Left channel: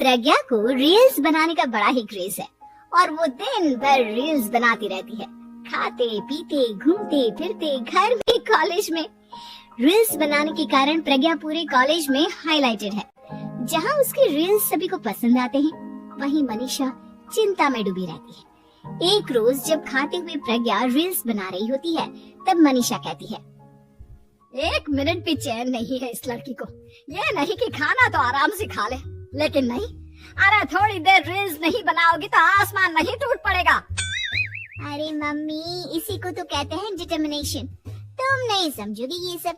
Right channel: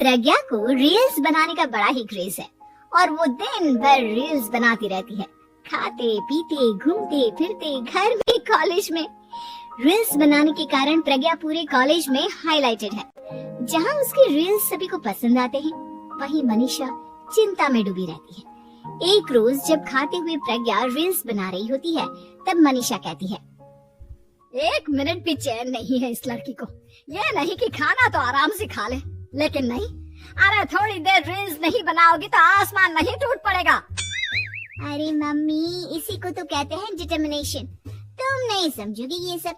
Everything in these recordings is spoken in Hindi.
प्रज्ञा को रील्स बनाने का बड़ा ही क्रेज है और वो दिन भर रील्स बनाती रहती है। खाते पीते घूमते फिरते घर में कॉलेज में रील्स बनाने के कारण प्रज्ञा पूरे कॉलेज में हाईलाइटेड है। जहां उसके रील्स सभी को पसंद आते हैं, वहीं मनीषा चिंता में डूबी रहती है। एक रोज जब खाते हुए प्रज्ञा रील्स बना रही होती है, तब मनीषा कहती है, 1 मिनट भी चैन नहीं है इस लड़की को। ये नहीं कि खाना तो आराम से खा ले, लेकिन नहीं, अरे थोड़ी देर रील्स नहीं बनाओगी तो आसमान नहीं टूट पड़ेगा। अरे मम्मी, इसी को तो कहते हैं डिटर्मिनेशन। तुम नहीं समझोगी ये सब।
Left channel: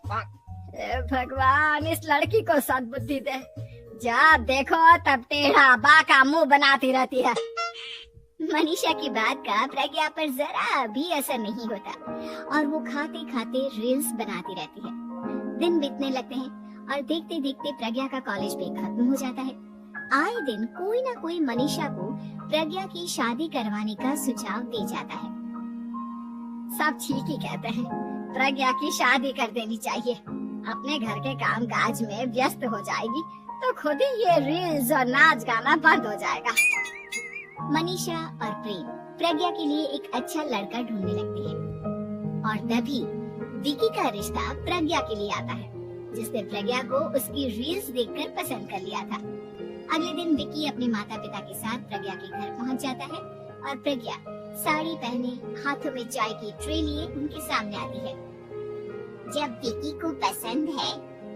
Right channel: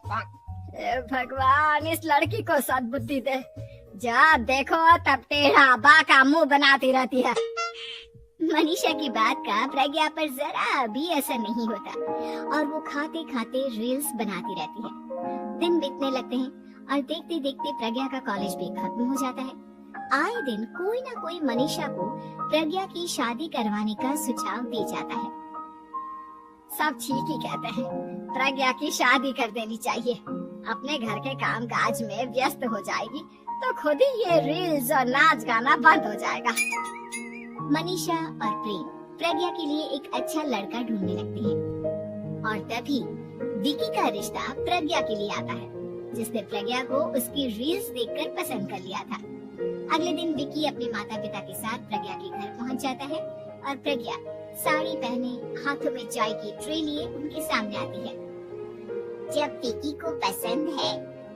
भगवान, इस लड़की को सद्बुद्धि दे। जब देखो तब टेढ़ा बाका मुंह बनाती रहती है। मनीषा की बात का प्रज्ञा पर जरा भी असर नहीं होता और वो खाते खाते रील्स बनाती रहती है। दिन बीतने लगते हैं और देखते देखते प्रज्ञा का कॉलेज भी खत्म हो जाता है। आए दिन कोई ना कोई मनीषा को प्रज्ञा की शादी करवाने का सुझाव दे जाता है। सब ठीक ही कहते हैं, प्रज्ञा की शादी कर देनी चाहिए। अपने घर के काम काज में व्यस्त हो जाएगी तो खुद ही ये रील्स और नाच गाना बंद हो जाएगा। मनीषा और प्रेम प्रज्ञा के लिए एक अच्छा लड़का ढूंढने लगते हैं और तभी विकी का रिश्ता प्रज्ञा के लिए आता है, जिसने प्रज्ञा को उसकी रील्स देखकर पसंद कर लिया था। अगले दिन विकी अपने माता पिता के साथ प्रज्ञा के घर पहुंच जाता है और प्रज्ञा साड़ी पहने हाथों में चाय की ट्रे लिए उनके सामने आती है। जब विकी को पसंद है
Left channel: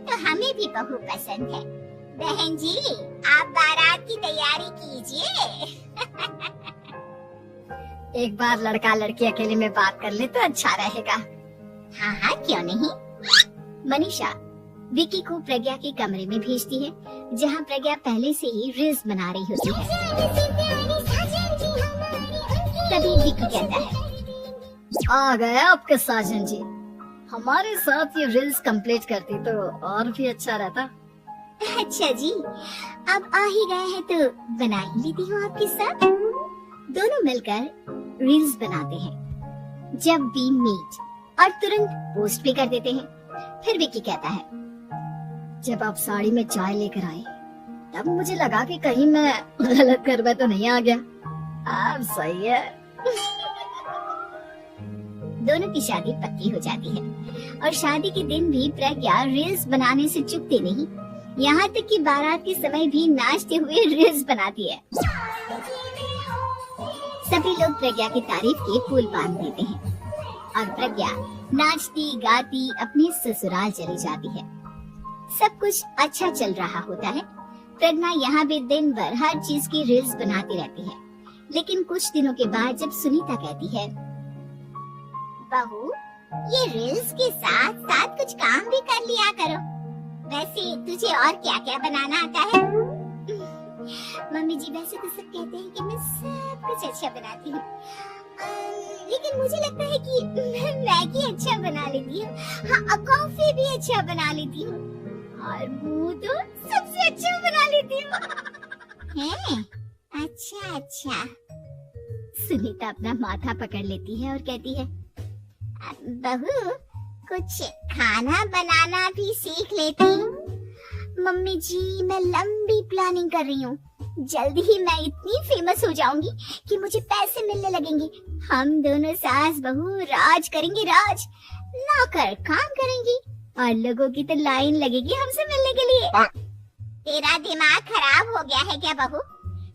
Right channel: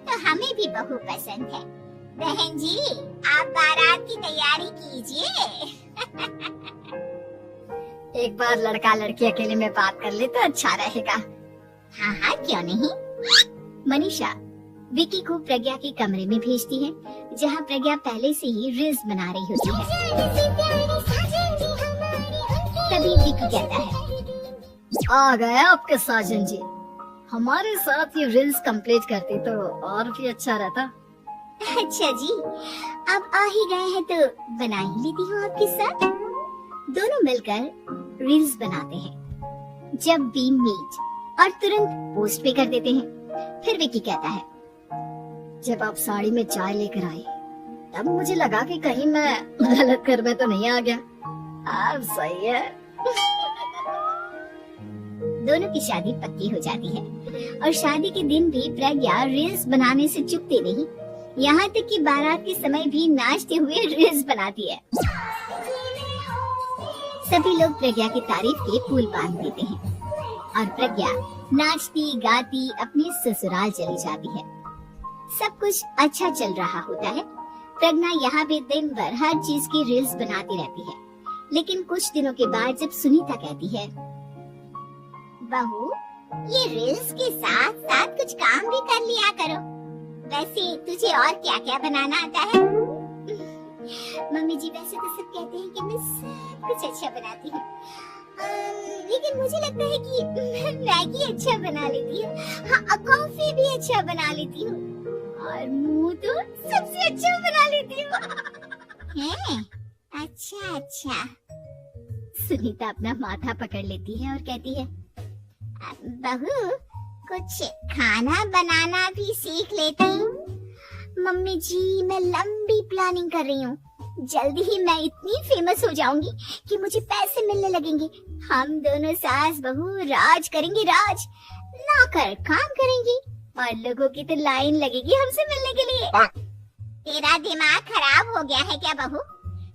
तो हमें भी बहू पसंद है। बहन जी, आप बारात की तैयारी कीजिए। एक बार लड़का लड़की अकेले में बात कर ले तो अच्छा रहेगा। हाँ हाँ, क्यों नहीं। मनीषा विकी को प्रज्ञा के कमरे में भेजती है, जहाँ प्रज्ञा पहले से ही रील्स बना रही होती है। तभी विकी कहता है, आ गए आपके साजन जी। हमारे साथ ये रील्स कंप्लीट करती तो और भी अच्छा रहता। अच्छा जी, आप आ ही गए हैं तो बना ही लेती हूँ आपके साथ। दोनों मिलकर रील्स बनाते हैं। जब वी मीट और तुरंत पोस्ट भी कर देते हैं। फिर विकी कहता है, जब आप साड़ी में चाय लेकर आई तब मुझे लगा कि कहीं मैं गलत घर में तो नहीं आ गया। अब सही है। दोनों की शादी पक्की हो जाती है और शादी के दिन भी प्रज्ञा रील्स बनाने से चूकती नहीं। यहाँ तक कि बारात के समय भी नाचते हुए रील्स बनाती है। सभी लोग प्रज्ञा की तारीफ के फूल बांध देते हैं और प्रज्ञा नाचती गाती अपने ससुराल चली जाती है। सब कुछ अच्छा चल रहा होता है। प्रज्ञा यहाँ भी दिन भर हर चीज की रील्स बनाती रहती है। लेकिन कुछ दिनों के बाद जब सुनीता कहती है, बहू, ये रील्स के साथ साथ कुछ काम भी कर लिया करो। वैसे तुझे और क्या क्या बनाना आता है? मम्मी जी, वैसे तो सब कहते हैं कि मैं सब कुछ अच्छा बनाती हूँ, लेकिन मुझे लगता है कि मैं मैगी अच्छा बना लेती हूँ। हाँ, कॉफी भी अच्छा बना लेती हूँ और मुंह तो सबसे अच्छा बना लेती हूँ। अच्छा अच्छा। सुनीता अपना माथा पकड़ लेती है और कहती है, बहू, कुछ खाना बनाना भी सीख लेती हूँ। मम्मी जी, मैं लंबी प्लानिंग कर रही हूँ। जल्दी ही मैं इतनी फेमस हो जाऊंगी कि मुझे पैसे मिलने लगेंगे। हम दोनों सास बहू राज करेंगे, राज। नौकर काम करेंगे और लोगों की तो लाइन लगेगी हमसे मिलने के लिए। तेरा दिमाग खराब हो गया है क्या बहू?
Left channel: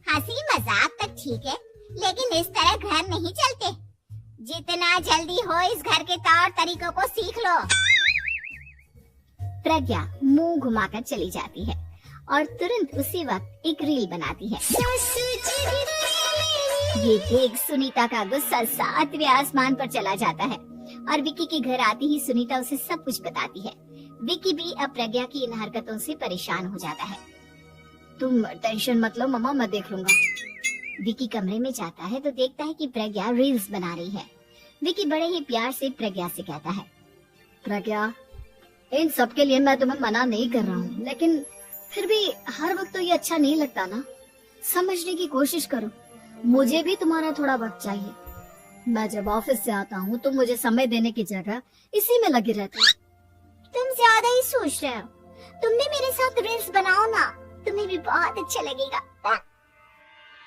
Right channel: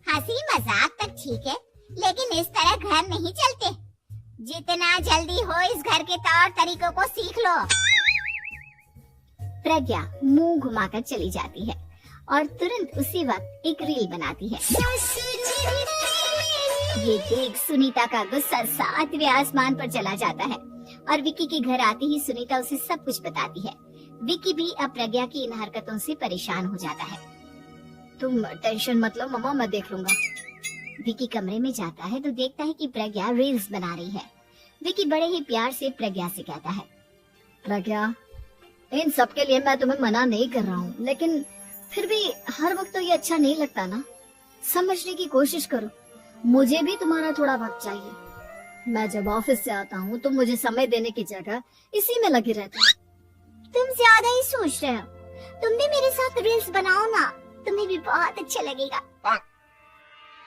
हंसी मजाक तक ठीक है, लेकिन इस तरह घर नहीं चलते। जितना जल्दी हो इस घर के तौर तरीकों को सीख लो। प्रज्ञा मुंह घुमाकर चली जाती है और तुरंत उसी वक्त एक रील बनाती है। ये देख सुनीता का गुस्सा 7वें आसमान पर चला जाता है और विकी के घर आते ही सुनीता उसे सब कुछ बताती है। विकी भी अब प्रज्ञा की इन हरकतों से परेशान हो जाता है। तुम टेंशन मत लो मम्मा, मैं देख लूंगा। विकी कमरे में जाता है तो देखता है कि प्रज्ञा रील्स बना रही है। विकी बड़े ही प्यार से प्रज्ञा से कहता है, प्रज्ञा, इन सब के लिए मैं तुम्हें मना नहीं कर रहा हूँ, लेकिन फिर भी हर वक्त तो ये अच्छा नहीं लगता ना। समझने की कोशिश करो, मुझे भी तुम्हारा थोड़ा वक्त चाहिए। मैं जब ऑफिस से आता हूँ तो मुझे समय देने की जगह इसी में लगी रहती है। तुम ज्यादा ही सोच रहे हो। तुम भी मेरे साथ रील्स बनाओ ना, तुम्हें भी बहुत अच्छा लगेगा।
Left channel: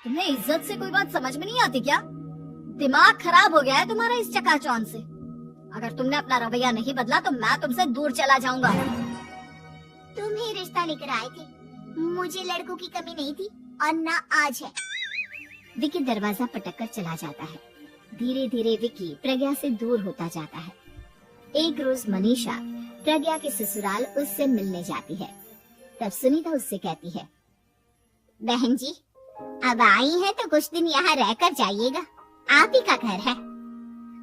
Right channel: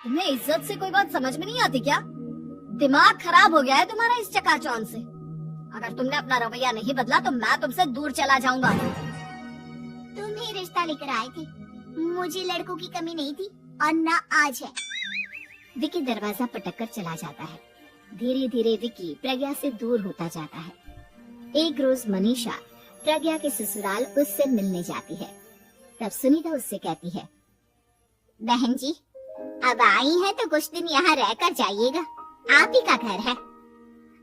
तुम्हें इज्जत से कोई बात समझ में नहीं आती क्या? दिमाग खराब हो गया है तुम्हारा इस चकाचौंध से। अगर तुमने अपना रवैया नहीं बदला तो मैं तुमसे दूर चला जाऊंगा। तुम ही रिश्ता लेकर आए थे, मुझे लड़कों की कमी नहीं थी और ना आज है। विकी दरवाजा पटक कर चला जाता है। धीरे धीरे विकी प्रज्ञा से दूर होता जाता है। एक रोज मनीषा प्रज्ञा के ससुराल उससे मिलने जाती है। तब सुनीता उससे कहती है, बहन जी अब आई है तो कुछ दिन यहाँ रहकर जाइएगा, आप ही का घर है।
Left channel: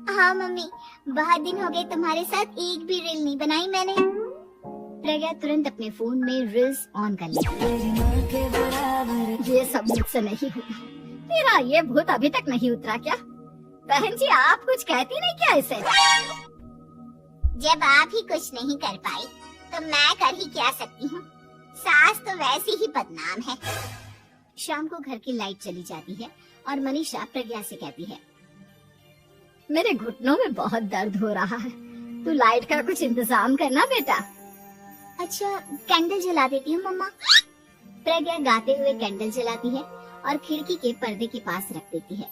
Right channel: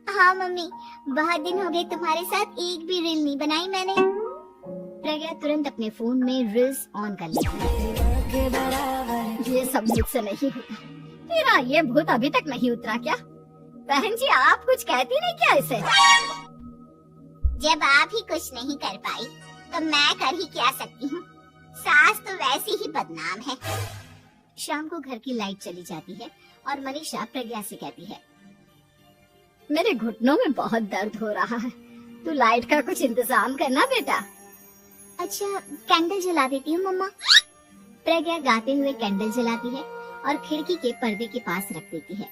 हाँ मम्मी, बहुत दिन हो गए तुम्हारे साथ एक भी रील नहीं बनाई मैंने। प्रज्ञा तुरंत अपने फोन में रील्स ऑन कर लेती है। ये सब मुझसे नहीं होगा। तेरा ये भूत अभी तक नहीं उतरा क्या? बहन जी आप कुछ कहती नहीं क्या इसे? जब आप ही कुछ नहीं कर पाई तो मैं कर ही क्या सकती हूँ। सास तो वैसे ही बदनाम है। शाम को घर की लाइट चली जाती है और मनीषा प्रज्ञा से कहती है, मेरे घुटनों में बहुत दर्द हो रहा है, तू लाइट का कुछ इंतजाम करना बेटा। अच्छा कैंडल जला देती हूँ मम्मा। प्रज्ञा गाते हुए कैंडल जलाती है और खिड़की के पर्दे के पास रख देती है।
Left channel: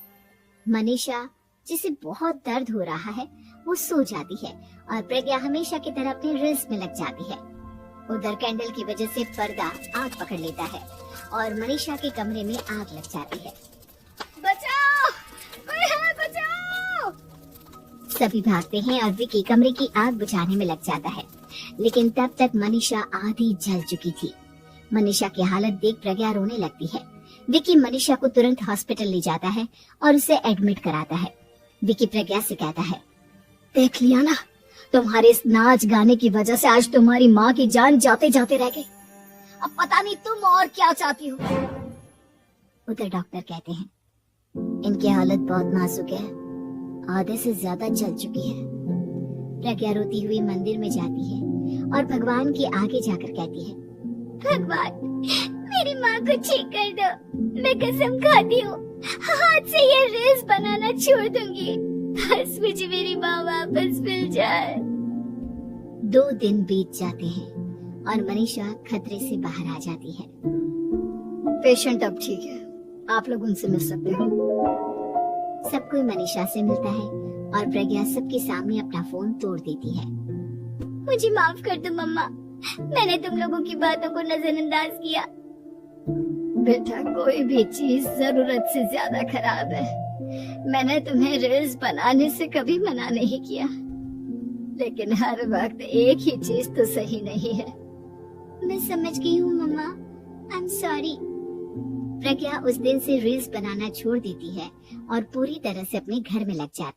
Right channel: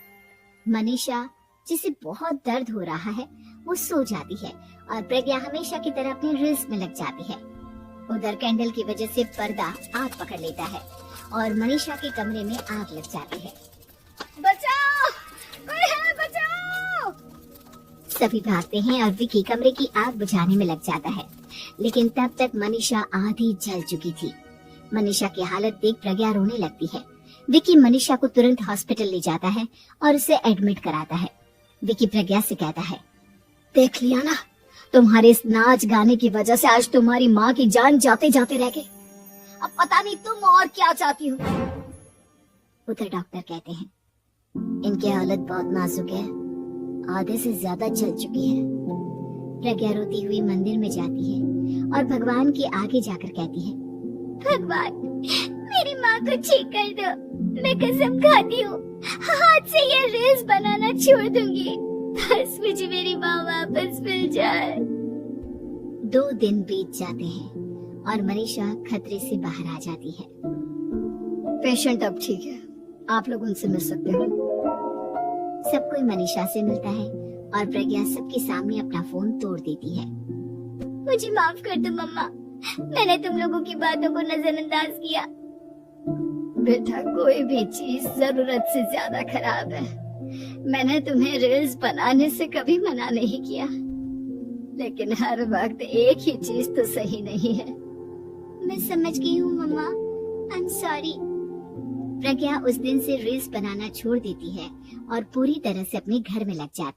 मनीषा जिसे बहुत दर्द हो रहा है वो सो जाती है और प्रज्ञा हमेशा की तरह अपनी रील्स में लग जाती है। उधर कैंडल की वजह से पर्दा आग पकड़ लेता है और मनीषा के कमरे में आग लग जाती है। बचाओ, कोई है, बचाओ। सभी भागते हैं और विकी कमरे की आग बुझाने में लग जाता है, लेकिन तब तक मनीषा आधी जल चुकी थी। मनीषा की हालत देख प्रज्ञा रोने लगती है। विकी मनीषा को तुरंत हॉस्पिटल ले जाता है और उसे एडमिट कराता है। विकी प्रज्ञा से कहता है, देख लिया ना, तुम्हारे इस नाच गाने की वजह से आज तुम्हारी माँ की जान जाते जाते रह गई। अब पता नहीं तुम और क्या चाहती हो। उधर डॉक्टर कहते हैं, इनकी हालत बहुत नाजुक है, आधे से ज्यादा जल चुकी है। प्रज्ञा रोती हुई मंदिर में जाती है और भगवान के आगे जाकर कहती है, भगवान मेरी माँ को ठीक कर दो, मैं कसम खाती हूँ हाथ से ये रील्स बनाना छोड़ दूंगी, बस मुझे मेरी माँ वापस मिल जाए। 2 दिन बीत जाते हैं और मनीषा खतरे से बाहर आ जाती है। पेशेंट अब ठीक है, आप लोग उनसे मिल सकते हो। सब कोई मनीषा से मिलता है और प्रज्ञा सबके सामने अपना फोन तोड़ देती है। मुझे माफ कर दो मम्मा, मैंने तुम लोगों की बातों को नजरअंदाज किया। बेटा कोई भी चीज जरूरत से ज्यादा खराब है। मैंने तुम्हें रील्स बनाने से कभी मना नहीं किया, लेकिन हर वक्त एक ही चीज तो सही नहीं है। मैं समझ गई हूँ मम्मा, आई एम सॉरी। प्रज्ञा उस दिन से रील्स बनाना छोड़ देती है और पूरी तरह से अपने घर में लग जाती है।